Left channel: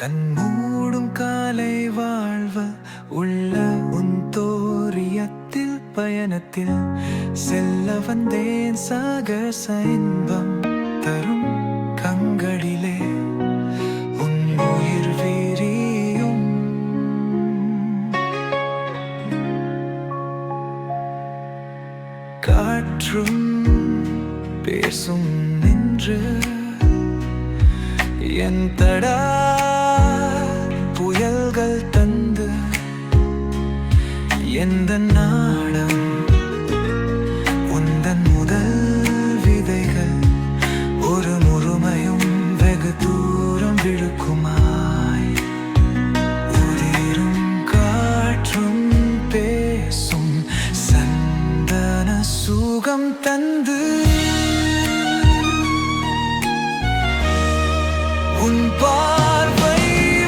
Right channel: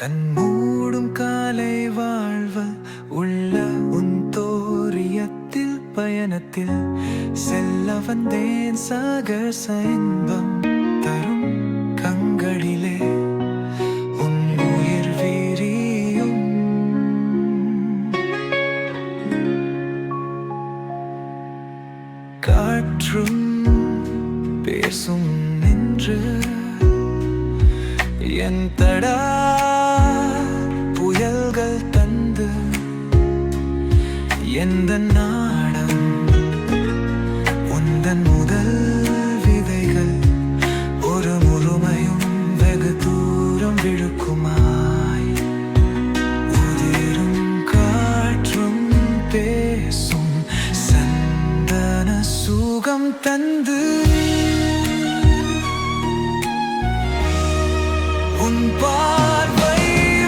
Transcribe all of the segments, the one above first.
கண்மூடும் காலை வாழ்வு உள்ள உன் தோரியத்தில் பயணத்தில் செல்ல வந்தேன் சாகச இன்பம் தரும் கண்களிலே உன் உயிர் வீரியும் காற்றும் பேசும் நின்று என் தடா புயல்கள் தந்து எந்த நாடம் உந்தன் முதல் விதைகள் ஒரு முழுமையும் வெகு தூரம் விழுக்குமாய் உதிரும் காற்றும் பேசும் சந்தன சுகம் தந்து உன் பார்வை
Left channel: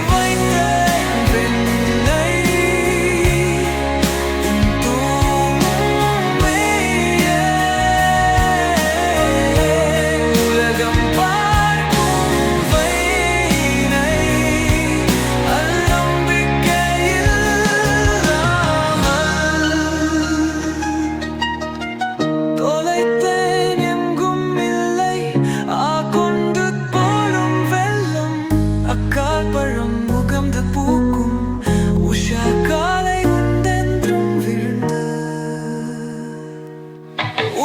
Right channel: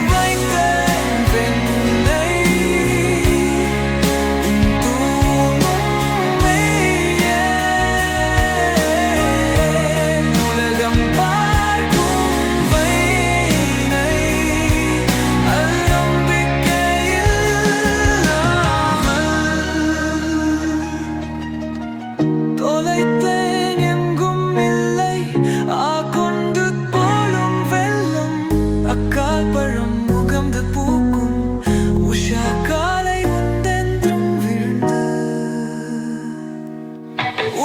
வைத்தேன் பெண்ணை உன் தூங்கும் மெய்யே உலகம் பார்க்கும் வைனை அநம்பிக்கையில்லாமல் தொலைத்தேன் எங்கும் இல்லை கொண்டு அக்கால் பழம் முகம்து பூக்கும் உஷா காலை உண்டென்றும் விழுந்து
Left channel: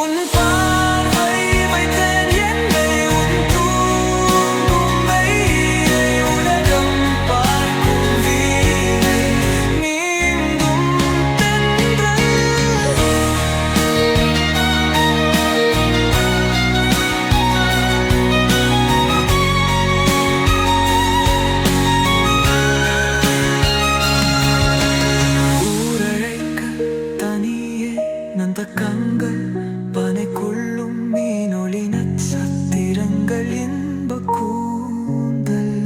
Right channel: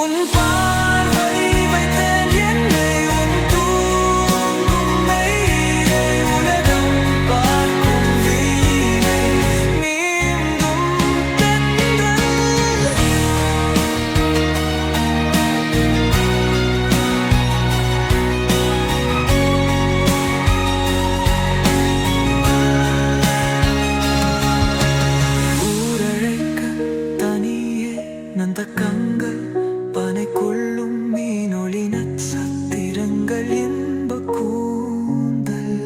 உன் பார்வை வைத்தேன் என்னை உன் தூங்கும் மெய்யை உலகம் பார்க்கும் வீணை நீந்தும் தென்றல் நந்த கங்கள் பனைக்குள்ளும் மீனொளி நட்சத்திரங்கள் இன்ப கூந்தல்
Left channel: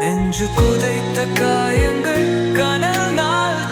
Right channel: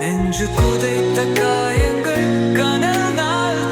நெஞ்சு குதைத்த காயங்கள் கனல் நாள்